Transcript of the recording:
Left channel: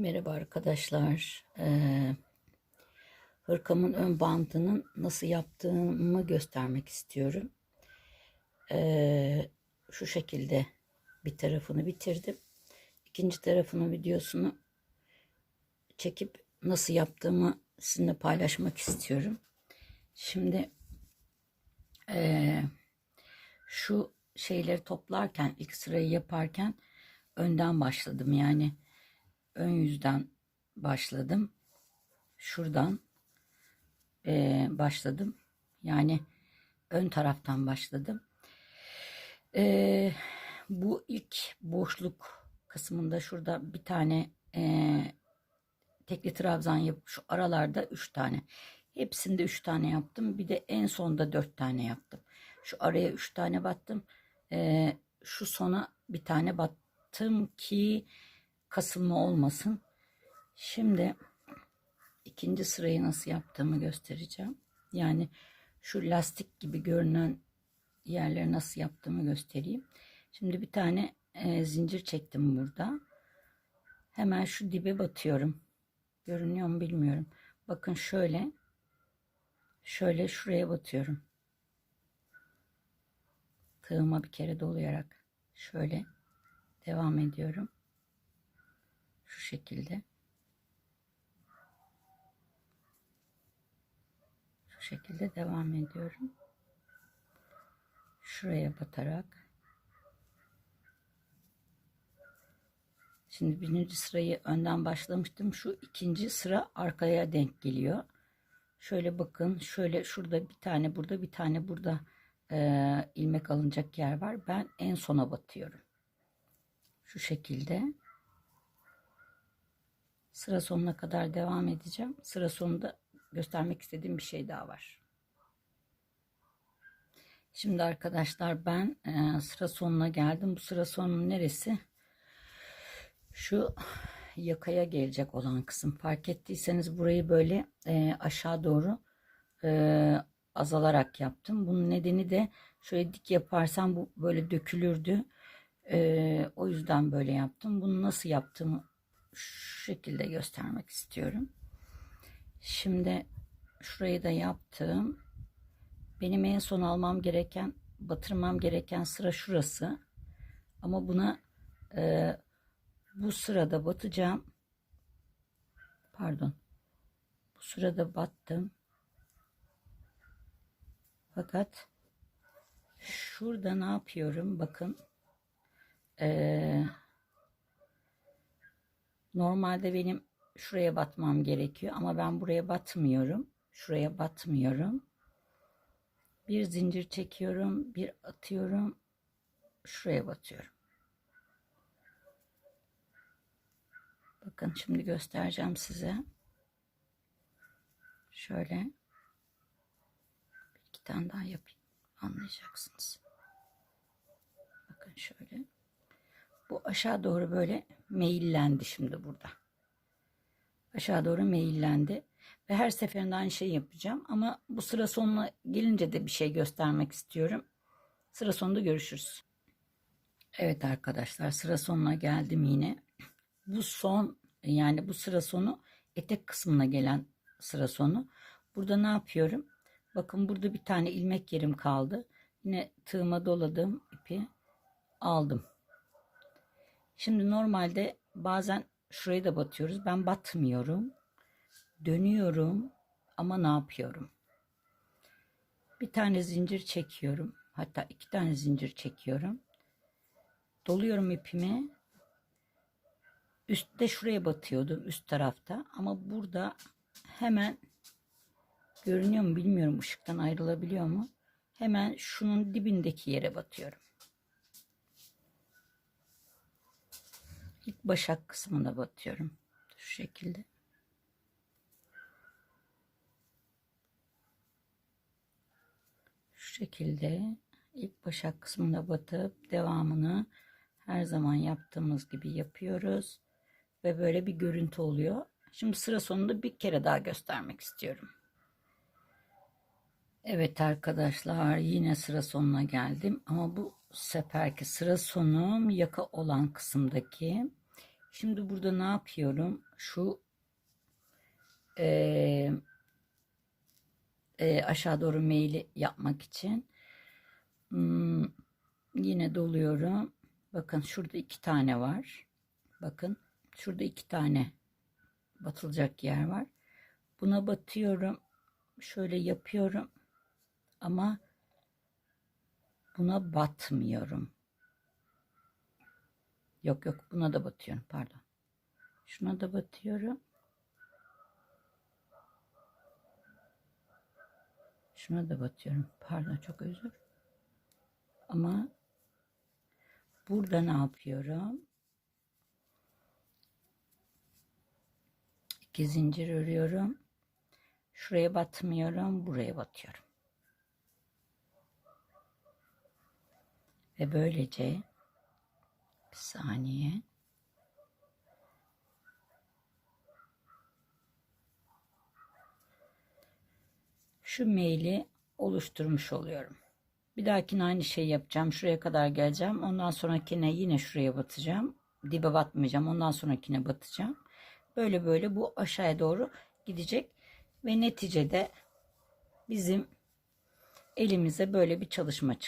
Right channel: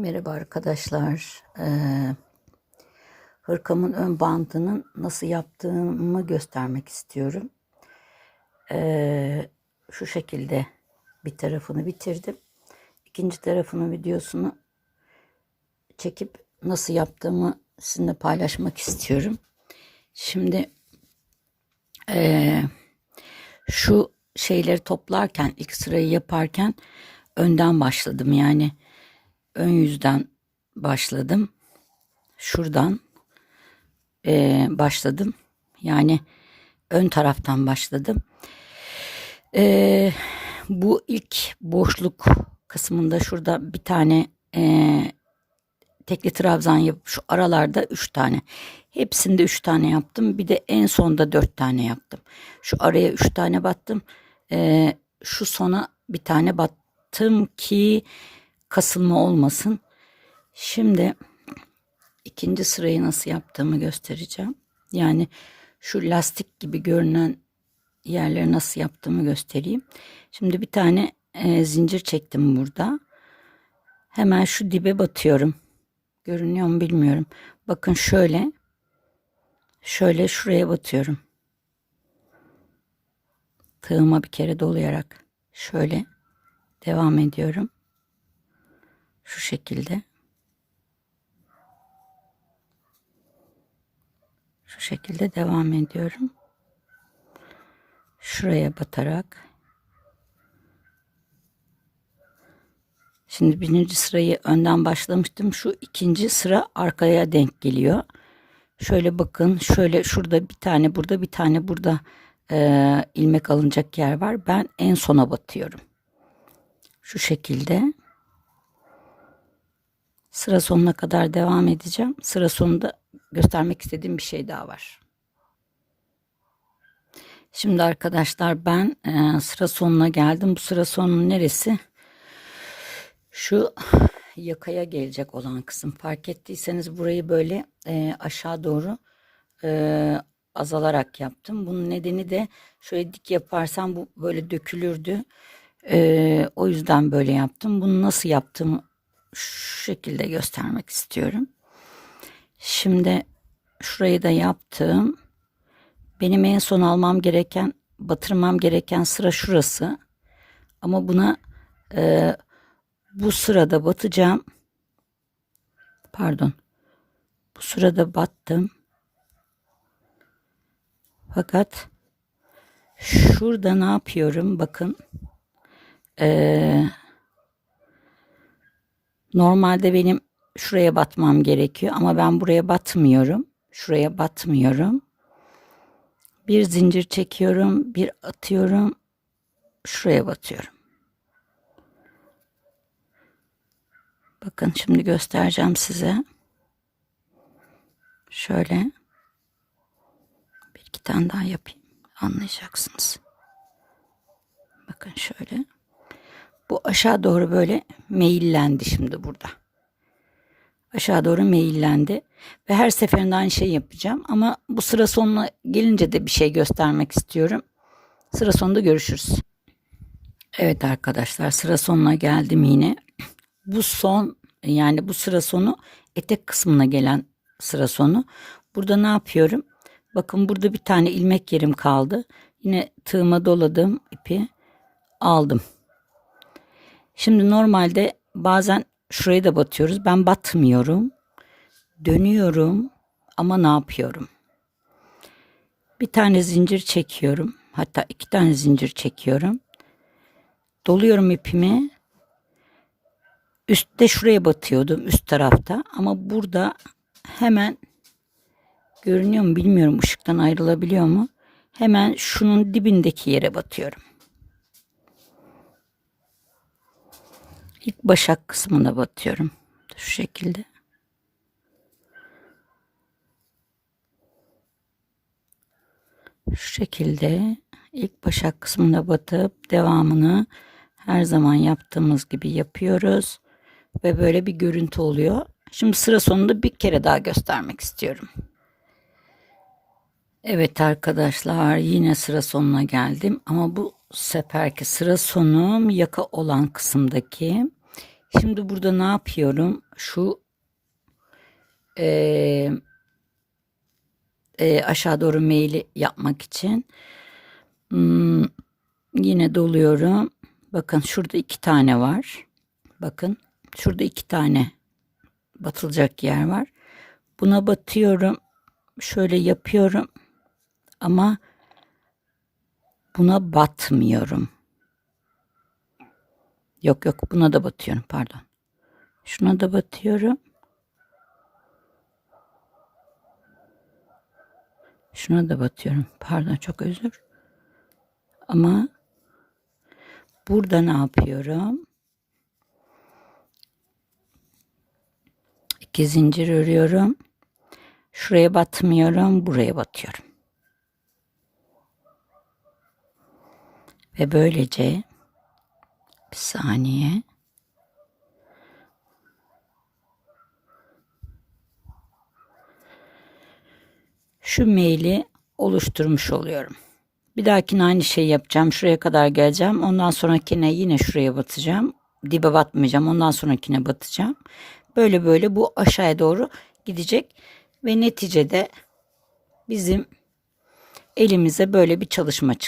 Merhaba arkadaşlar. Ee, hırkamın ön bandının nasıl yaptığımı göstermek istiyorum. Ee, şu şekilde bir tarafını bitirdim. İkinci tarafının videosunu çekip nasıl yaptığımı sizinle paylaşmak istiyorum. Şimdi ee, şu şeyleri toplarken ilk sırayı yaparken önden başladım yani ön yüzden başladım. Şuradan eee, başladım. Yani ön taraftan başladım. Eee, bu ilk boşluk kısmında şurada bir tane eee, tekli trabzan yapıp şu aralarda üç tane. Hepsinde üç tane yaptım. Bir de en sonda dört tane yaptım. Şu araya üç tane battım. Eee, şu sona bir tane battım ki kasılma olmasın. Şimdi ikinci sırayı nasıl yaptığımı göstereceğim. Yani şu lastik gibi görünen yerleri nasıl yaptığımı göstereyim. Şimdi bir tane e, zincir çektim burada. Hemen şu dibe batıyorum. Görünüyor mu bilmiyorum. Bakın şöyle. Şöyle şuraya batıyorum. Tığıma bir kere dolayarak şöyle devam ediyorum. Şu şekilde. Şu şekilde devam ediyorum. Şuraya batarak. Şimdi birinci sırayı önden başlamıştım. Şu ikinci sıra arkaya denk geliyor. Şöyle bakın. Şöyle şurada bir tane burada bir tane burada e, ilmek alınacak yer var. Ben en sona batıyorum. Şu şekilde. Sıra sonuna kadar devam edeceğim. Sıra sonunda göstermek istediğim bir şey daha var. Şimdi arkadaşlar ben e, sıra sonuna geldim. Bu sıra sonunun neresi? Şu yakaya gelecek olan kısım. Fark ettiyseniz burayı böyle e, aşağı doğru e, azalarak yaptım. Bunun nedeni de şöyle dik yaparsam bu böyle dökülürdü. E, o yüzden böyle yaptım. Bunu nasıl yaptığımı şu şekilde göstermek istiyorum. Şimdi şurayı da yaptım. Benim en son almam gereken, batırmam gereken sıra şurası. Ama buna e, bu sırada batacağım. Pardon. Bu sırada battım. Fakat şurada ne yapıyorum? Bakın. Eee Normalde benim şuraya batmam gerekiyor ama ben buraya batmıyorum. Şuraya batmıyorum. Bir zincir çekiyorum, bir atıyorum. Şuraya batıyorum. Bakın şimdi göstereceğim size. Şöyle bir iki tane daha yapayım. Anlayacaksınız. Bakın şöyle. Bu aşağı doğru böyle meyillendi şimdi burada. Aşağı doğru meyillendi. Ve her seferinde aynı şeyi yapacağım. Ama bu sıra sonuna gelince de bir şey göstermek istiyorum. Sıra sonunda görüşürüz. Evet arkadaşlar sıra sonuna geldim yine. Bu son yani bu sıra sonu etek kısmına gelen sıra sonu. Burada ne yapıyorum? Bakın burada bir tane ilmek yerim kaldı. Yine tığıma doladım ipi aldım. Şimdi normalde bazen şuraya da batıyoruz. Ben batmıyorum. Dönüyorum ama ne yapıyorum? Bir tane zincir çekiyorum. Hatta iki tane zincir çekiyorum. Doluyorum ipimi. Üstte şuraya batıyordum üst tarafta ama burada hemen görünüyor mu bilmiyorum ışıktan ayrılabiliyor mu? Hemen şunun dibindeki yere batıyorum. İlk başak kısmına batıyorum. Şu şekilde. Şu şekilde ilk başak kısmına batıp devamını her zaman yaptığımız gibi yapıyoruz. Ve böyle bir görüntü oluyor. Şimdi sıra sonunda bir kere daha göstermek istiyorum. Evet arkadaşlar yine sıra sonuna geldim ama bu seferki sıra sonum yaka olan kısımdaki Şimdi burada ne yapıyorum? Şu eee, eee, aşağı doğru meyili yapmak için hmm, yine doluyorum. Bakın şurada iki tane var. Bakın şurada iki tane batılacak yer var. Buna batıyorum. Şöyle yapıyorum. Ama buna batmıyorum. Yok yok buna da batıyorum pardon. Şuna da batıyorum. Şuna da batıyorum. Pardon çok özür. Ama burada ne yapıyorum? İki zincir örüyorum. Şuraya batmıyorum, buraya batıyorum. Ve böylece bir saniye. Şu maili oluşturmuş oluyorum. Bir dahakine aynı şeyi yapacağım. Şuraya kadar geleceğim. Ondan sonrakine yine şuraya batacağım. Dibe batmayacağım. Ondan sonrakine batacağım. Böyle böyle bu aşağıya doğru gidecek. Ve neticede bizim elimize böyle bir çalışma çıkacak.